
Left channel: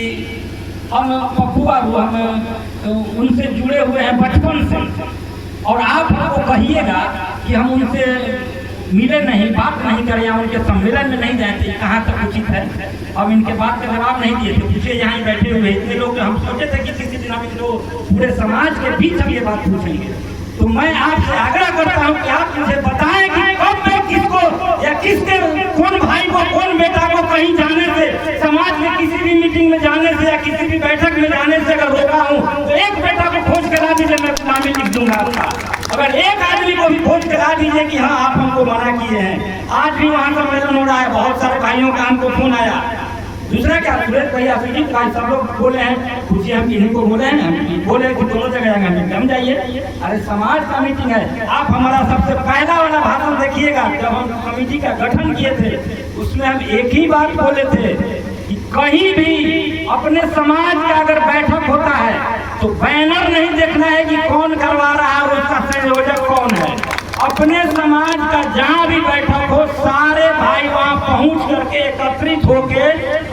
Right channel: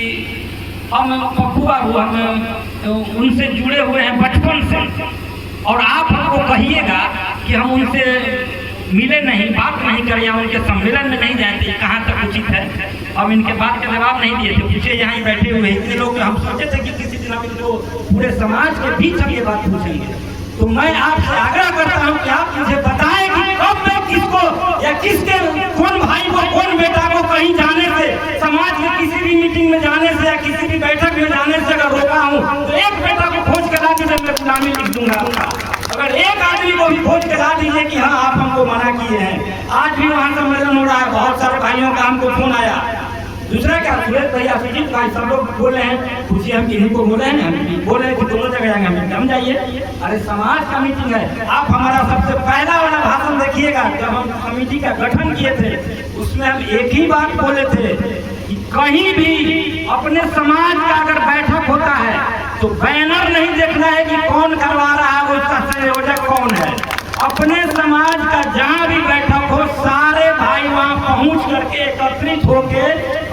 हम पप्पू बाबू हम उनसे जुड़े हुए हैं बचपन से, और आप हमको कहिएगा कि हम उनसे मिले नहीं, बात नहीं करें या उनके सम्मेलन में नहीं जाते, कहाँ तक उचित है। हम इनके बात का जवाब नहीं दिए थे, पीछे यहाँ बैठे हुए इतने लोग, हम सोचे थे कि किसी दिन हम इनको पूरे समाज के बीच हम ये बात पूछेंगे। तो मैं आपसे आग्रह करता हूँ कि आप मुझे बताएं कि कब तक किसको या किसके कौन भाई को कौन बेटा को कहीं जाने से, समाज में किसी भी मीटिंग में जाने से या किसी भी बैठक में जाने से अगर रोका हूँ तो एक बेटा को खोज के ला दीजिए, मैं नाम लिख दूंगा उसका। अगर एक आदमी को भी खोज के ला दीजिए कि हाँ आप हमको मना किए हैं। आज भी वहाँ सम्मेलन हो रहा है, बहुत सारे भाइयों का हमको फोन आया। दूसरा क्या, सुरेश भैया सुजीत भाई सब लोग बोले हैं, पूछिए हम किन्हीं को बोले हैं, बोले कि दोनों जगह जाएंगे, हम जाइए। अरे समाज का मीटिंग है। आप हमारा सबसे पहला वाला भाषण देखिएगा, जब हम कमेटी का गठन किए थे उसमें हम एक ही बात बोले थे कि कहीं भी अपने समाज का अगर बैठक होता है तो बैनर नहीं देखना है कि कौन करवा रहा है और उसका संयोजक कौन है। अपने समाज का जहाँ भी बैठक हो, सारे भाई वहाँ पहुँच करके एकत्रित होके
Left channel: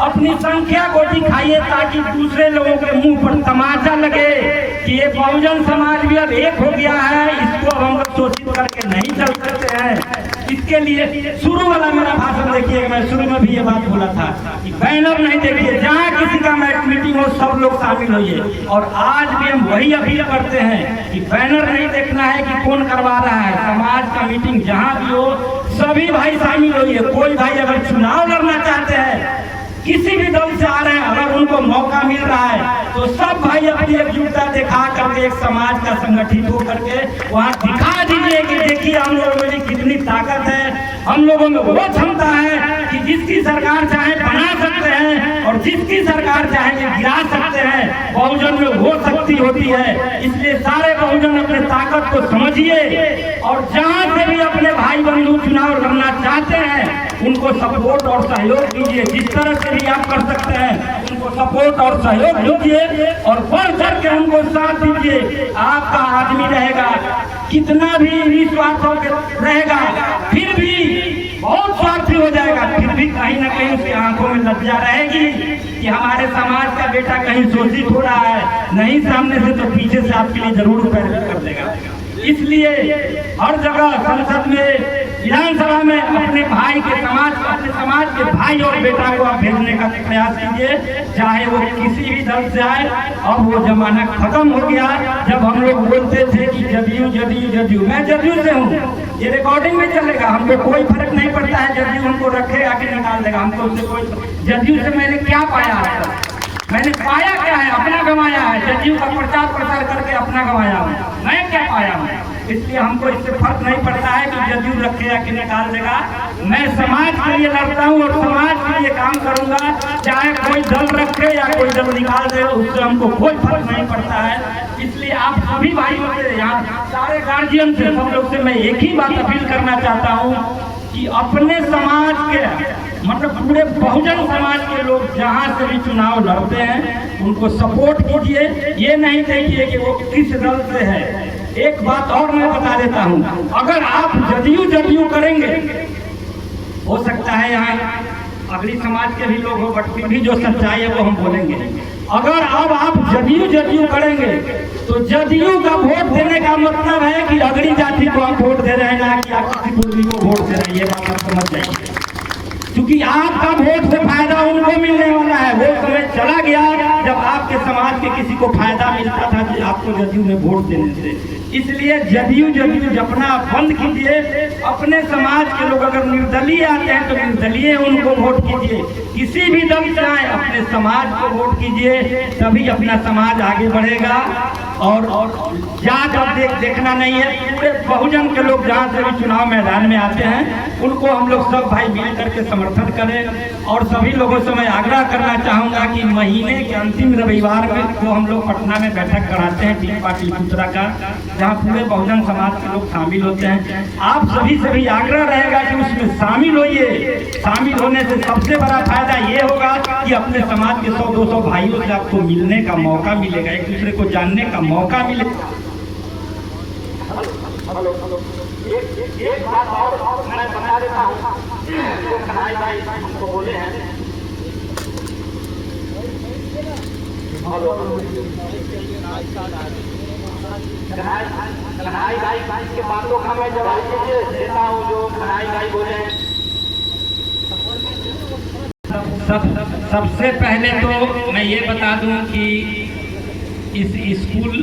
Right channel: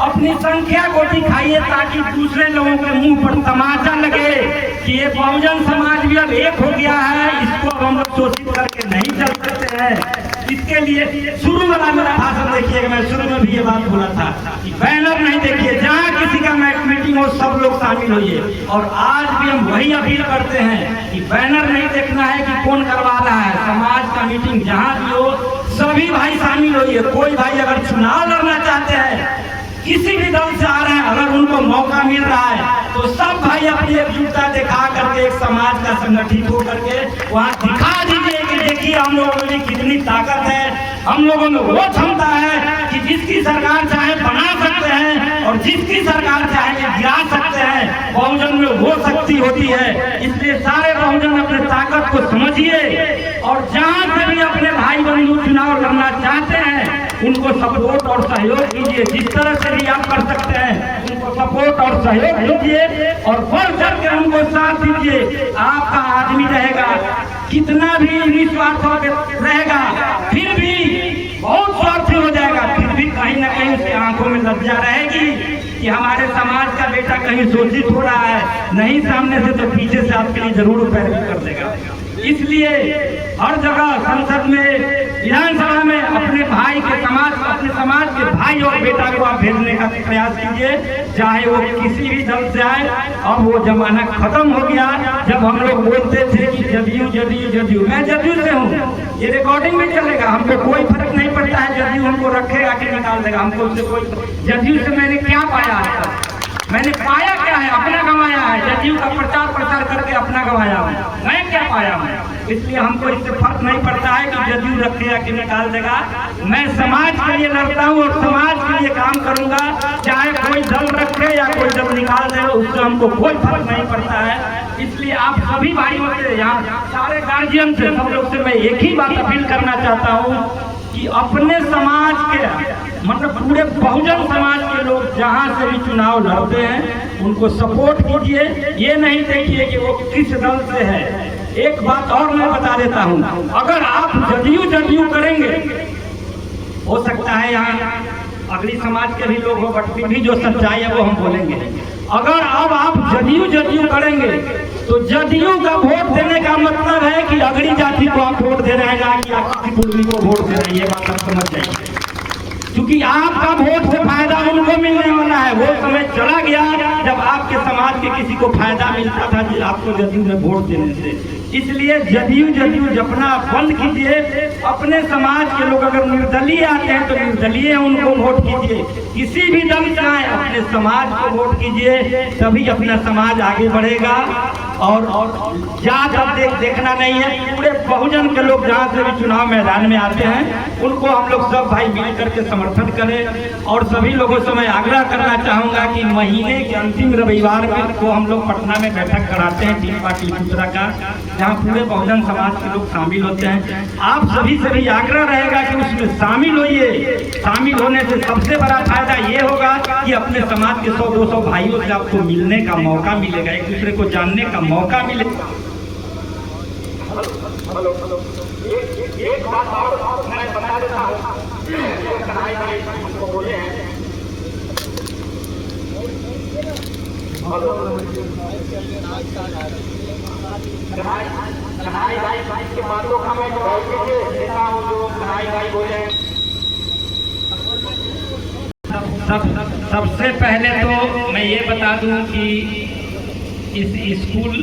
अपनी संख्या को दिखाइए, ताकि दूसरे लोगों के मुंह पर तमाचा लगे कि ये बहुजन समाज भी अब एक हो गया है, इसको हम लोग शोषित करके नहीं चल सकते हैं। इसके लिए शुरू वाला मेरा भाषण देखिए, मैं शुरू में भी ये बात बोला था कि बैनर नहीं देखिए, जहाँ किसी का मीटिंग हो सब लोग शामिल होइए। और आज भी हम वही अपील करते हैं कि बैनर नहीं देखना है कि कौन करवा रहा है, समाज का मीटिंग जहाँ भी हो सभी भाई शामिल होइए। कोई भाई अगर चुनाव लड़ना चाहते हैं, किसी भी दल से आ रहे हैं, अगर उनको मौका मिल रहा है तो सब भाई अपनी एकजुटता दिखा करके एक समाज का संगठित होकर के वहाँ दिखा दीजिए कि देखिए हम लोगों में कितनी ताकत है, हम लोगों में वो क्षमता है कि जिसकी सरकार चाहे बना सकते हैं और जिसकी सरकार चाहे गिरा सकते हैं। बहुजन में वो शक्ति होती है, इसलिए सारे बहुजन अपने ताकत को समझिए और जहाँ से भी अपने भाई बंधु चुनाव लड़ना चाहते हैं उनको सपोर्ट और सहयोग दीजिए। जिस तरह से भी आप कर सकते हैं उनको सपोर्ट और सहयोग दीजिए और बढ़ चढ़ के हमको साथ दीजिए। आपका आदमी रहेगा, कितना भी निस्वार्थ रहेगा, फिर भी बहुत स्वार्थी हो जाएगा, फिर भी कहीं ना कहीं उसकी आंखों में लज्जा रहेगी कि हमारे समाज का बेटा कहीं शोषित हो रहा है। नहीं सामने से तो पीछे से आपके लिए जरूर पैरवी कर देगा। इसलिए हर जगह संसद में विधानसभा में अपने भाई के अपने समाज के भाई और बेटा को आप भेजने का प्रयास कीजिए, चाहे वो किसी भी दल से आए। अब वो जमाना खत्म हो गया जब हम लोग बोलते थे कि जदयू जदयू जदयू। मैं जदयू से हूँ, ये रिकॉर्डिंग भी चलेगा, हमको कोई फर्क नहीं पड़ता है जदयू हमको रखेगा कि निकाल देगा। हमको उससे कोई, जदयू से मैंने क्या पाया है, मैंने पाया क्या है, अपना गंवाया है। जदयू का प्रचार करके अपना गंवाया हूँ, मैं क्या पाया हूँ। इसलिए हमको इससे फर्क नहीं पड़ता है कि जदयू रखेगा कि निकाल देगा। मैं समाज के लिए लड़ता हूँ और समाज के लिए काम करूंगा, चाहे कोई दल रखे या कोई दल निकाल दे, उससे हमको कोई फर्क नहीं पड़ता है। इसलिए आप सभी भाइयों से, यहाँ सारे गार्जियन से, सब लोग से मैं एक ही बात अपील करना चाहता हूँ कि अपने समाज के, मतलब पूरे बहुजन समाज के लोग जहाँ से भी चुनाव लड़ते हैं उनको सपोर्ट कीजिए। ये नहीं देखिए कि वो किस दल से है। एक बात और मैं बता देता हूँ, अगर आप जदयू करेंगे, हो सकता है यहाँ अगली समाज के भी लोग हो, बट फिर भी जो सच्चाई है वो हम बोलेंगे। अगर अब आप जदयू करेंगे तो जदयू का वोट देने का मतलब है कि अगली जाति को आप वोट दे रहे हैं, ना कि आप किसी दूसरी को वोट दे रहे हैं। ये बात आप समझ जाइए, क्योंकि आपका वोट से फायदा उनको मिलने वाला है। वो समय चला गया जब आपके समाज के किसी को फायदा मिलता था कि आपको जदयू में वोट देने से। इसलिए जदयू जपना बंद कीजिए। अपने समाज के लोग अगर निर्दलीय आते हैं तो निर्दलीय उनको वोट कीजिए। किसी भी दल से आए अपने समाज को वोट कीजिए, तभी अपना समाज आगे बढ़ेगा। और जात देखना नहीं है, पूरे बहुजन के लोग जहाँ से भी चुनाव मैदान में आते हैं उनको हम लोग सब भाई मिल करके समर्थन करें। और सभी लोगों से मैं आग्रह करना चाहूँगा कि महीने के अंतिम रविवार में को हम लोग पटना में बैठक कराते हैं टीम पाटलिपुत्रा का, जहाँ पूरे बहुजन समाज के लोग शामिल होते हैं। आप सभी से भी आग्रह रहेगा कि उसमें शामिल होइए। शामिल होने से सबसे बड़ा फायदा ये होगा कि अपने समाज के 100-200 भाइयों से आपको मिलने का मौका मिलेगा, एक दूसरे को जानने का मौका मिले। एक बात और मैं बता देता हूँ, जो कन्हैया भाई हमको बोले हैं, कन्हैया भाई के बातों का मैं जवाब देता हूँ जो कन्हैया भाई बोले हैं। सबसे पहले तो मैं ये बता दूं कि इस स्कूल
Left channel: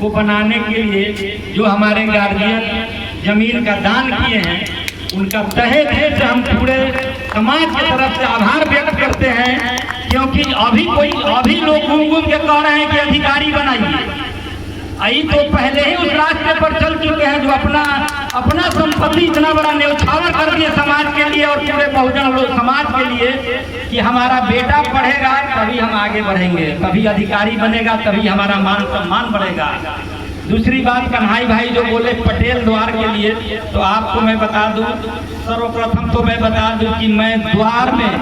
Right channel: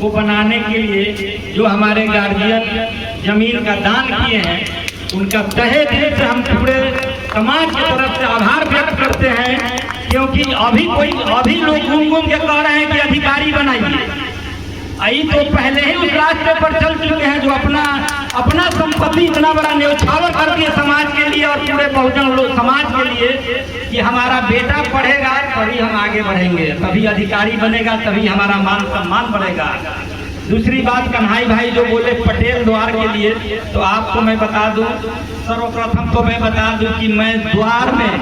को बनाने के लिए जो हमारे गार्जियन जमीन का दान किए हैं, उनका तहे दिल से हम पूरे समाज की तरफ से आभार व्यक्त करते हैं। क्योंकि अभी लोग घूम के कह रहे हैं कि अधिकारी बनाइए। यही तो पहले ही उस रास्ते पर चल चुके हैं जो अपना संपत्ति इतना बड़ा न्यौछावर कर दिया समाज के लिए और पूरे बहुजन लोग समाज के लिए कि हमारा बेटा पढ़ेगा तभी हम आगे बढ़ेंगे, तभी अधिकारी बनेगा, तभी हमारा मान सम्मान बढ़ेगा। दूसरी बात, कन्हैया भाई जो बोले पटेल द्वार के लिए, तो आपको मैं बता दूं, सर्वप्रथम तो मैं बता दूं कि मैं द्वार में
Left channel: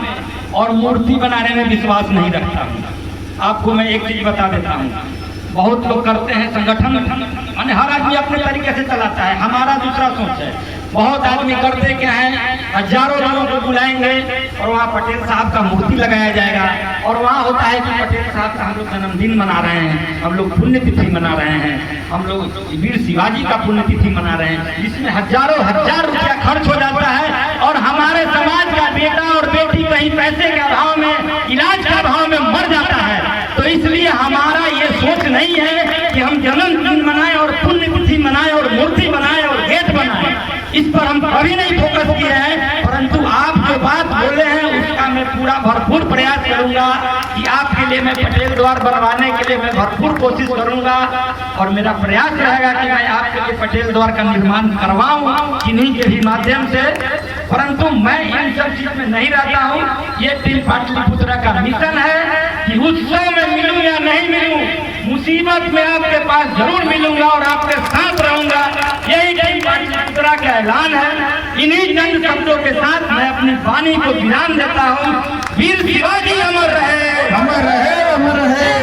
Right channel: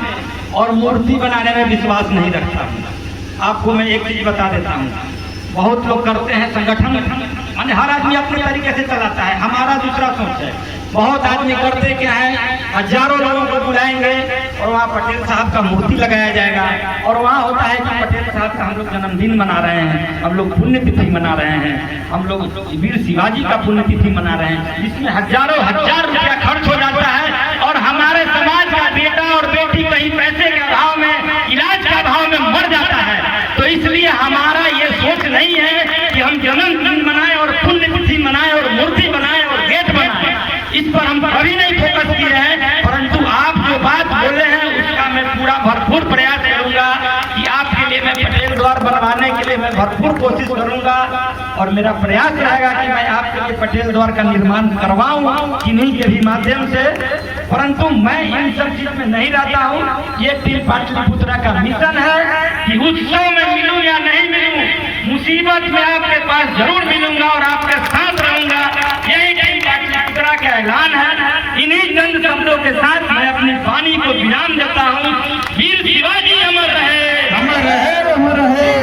और मूर्ति बनाने में विश्वास नहीं रखता हूँ। आपको मैं एक चीज बता देता हूँ, बहुत लोग करते हैं संगठन, माने हर आदमी अपने तरीके से चलाता है, हमारा दूसरा सोच है। बहुत आदमी करते क्या है, हजारों लोगों को बुलाएंगे और वहाँ पटेल साहब का मूर्ति लगाया जाएगा और वहाँ होता है कि पटेल साहब का हम लोग जन्मदिन मना रहे हैं, हम लोग पुण्यतिथि मना रहे हैं, हम लोग वीर शिवाजी का पुण्यतिथि मना रहे हैं, जिसमें हजारों हजार रुपया खर्च हो जाता है और हमारे समाज का बेटा और बेटी कहीं पैसे के अभाव में, इलाज के अभाव में मर जाता है। तो इसलिए हमारा ये सोच नहीं है कि हम जन्मदिन मनाएं और पुण्यतिथि मनाएं और मूर्ति बनाएं और गेट बनाएं, इस पर हम कभी नहीं फोकस किए हैं। परंतु आप जो बात बोले हैं उसका मैं पूरा भरपूर प्रयास करूंगा कि आपके लिए मैं पटेल द्वार बनवाने के लिए मैं भरपूर कोशिश करूंगा और मेरा प्रयास रहेगा कि मैं आपके लिए पटेल द्वार का निर्माण करवाऊं किन्हीं के भी माध्यम से। परंतु मैं इन सब चीज में नहीं रहता हूँ। ये टीम पाटलिपुत्रा का मिशन है कि उत्सव में मिलूं या नहीं मिलूं, मुसीबत में आपके पास जरूर मिलूंगा और आपके साथ रहूंगा। यही टीम पाटलिपुत्रा का ऐलान है। इन्हीं चंद शब्दों के साथ मैं अपनी वाणी को विराम देता हूँ। वीर शिवाजी अमर रहे, अमर रहे, अमर रहे।